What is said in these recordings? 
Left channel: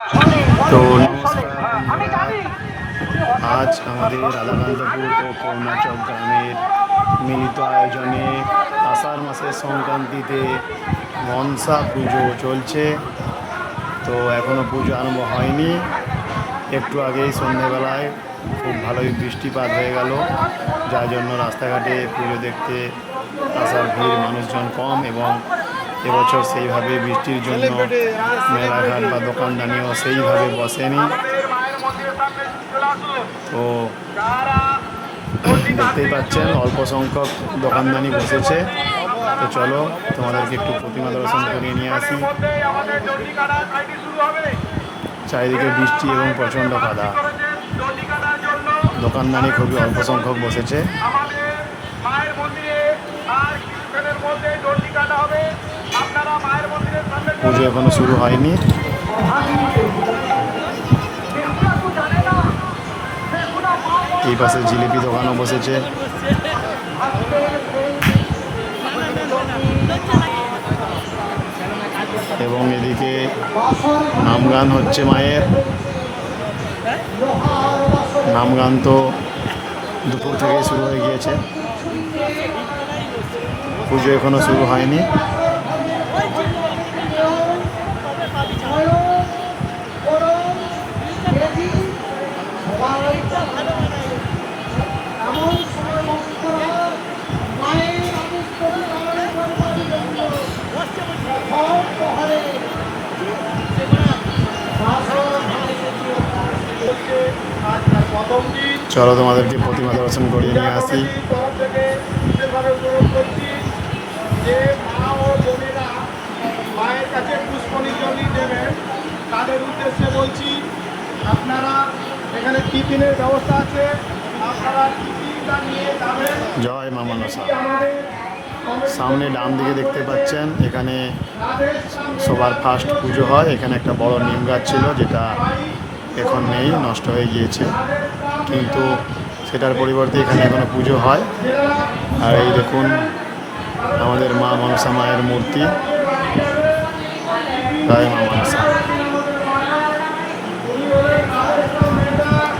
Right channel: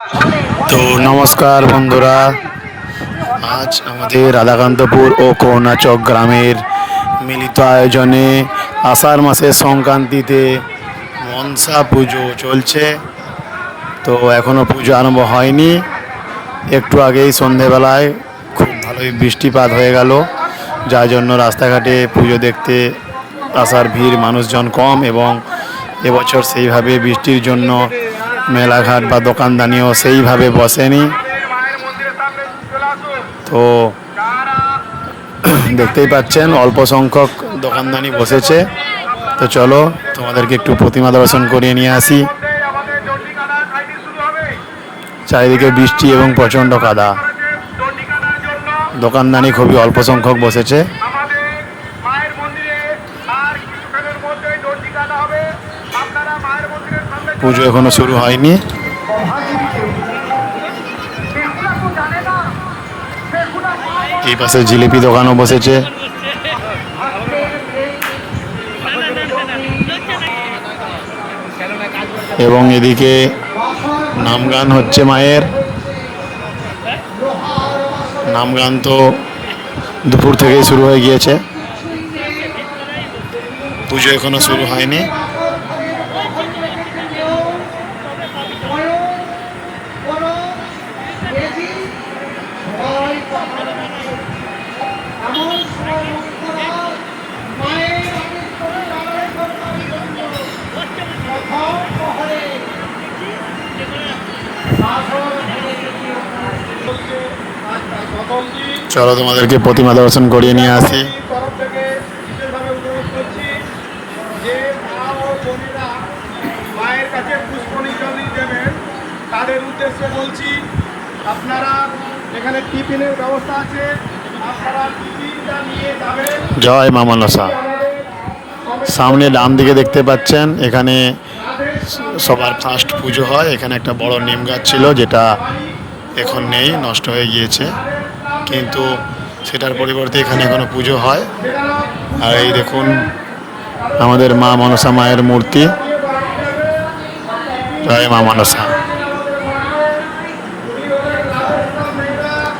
তো নমস্কার বন্ধুরা, আজ আমাদের রাধাকান্তপুর ও করুণাচক গ্রামের মিলিত আয়োজনে আষাঢ় মাসের সংক্রান্তিতে মনসা পুজো চলছে। তো এখনও পুজো আরম্ভ হয়নি। একটু আগেই সন্ধেবেলায় খুব ভালোই বৃষ্টিপাত হয়ে গেল, যার জন্য রাস্তাঘাটে পুজো দেখতে আসার ভিড় মানুষজন কম, এবং এবছর সেইভাবে বৃষ্টির জন্য মেলাঘাট বা দোকানদানিও সেইভাবে বসেনি। তো দেখতেই পাচ্ছেন অল্প সংখ্যক দোকানদানি বসেছে। তো চলো তোমাদেরকে একটু প্রতিমা দর্শন করিয়ে নিয়ে আসি। চারিদিকে বৃষ্টি এবং প্রচণ্ড কাদা, দোকানদানি খুবই অল্প সংখ্যক বসেছে। পুজো এখনো শুরু হয়নি। এই পাশে জিলিপি দোকানও বসেছে। এবং এদিকে নামগান হচ্ছে মায়ের। নামগান তো দুপুর থেকেই শুরু হয়ে গিয়েছে, পুজো এখনো শুরু হয়নি। চলো তোমাদেরকে প্রতিমা দর্শন করিয়ে নিয়ে আসি। মায়ের কাছে পুষ্পনির্জলি দেবেন তাদের উদ্দেশ্যে বলছি, আপনারা এখানে টিফিনের ব্যবস্থা আছে, আপনারা টিফিনটা নিয়ে যাবেন। জয় মা মনসা। সামনে ডান দিকে দেখতে পাচ্ছেন, এখানে সবার ফার্স্ট পুজো হয়। এখানে একটা বড় নিম গাছ ছিল, যেটা এখন নেই, নষ্ট হয়ে গিয়েছে, কিন্তু সেটার পরিবর্তে এখানে এখনো পুজো হয়। আর এই দেখুন আমাদের মা মনসা মায়ের মূর্তি। জয় মা মনসা।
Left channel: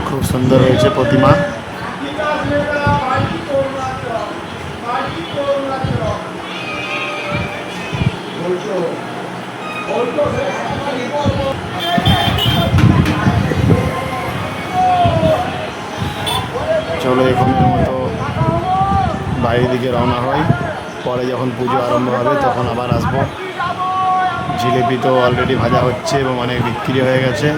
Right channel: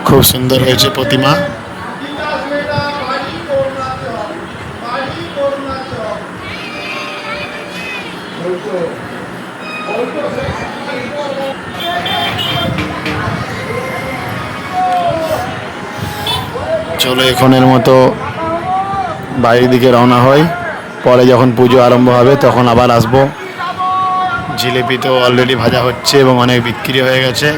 খুব সুন্দর হয়েছে প্রতিমা। চলো এখনের মতো বাইরের দিকে রওনা হয়, পরে যখন পুজো আরম্ভ হবে তখন আবার আসবো। জিলিপি তো অলরেডি ভাজা হচ্ছে এবং অনেক বিক্রি হয়ে গেছে।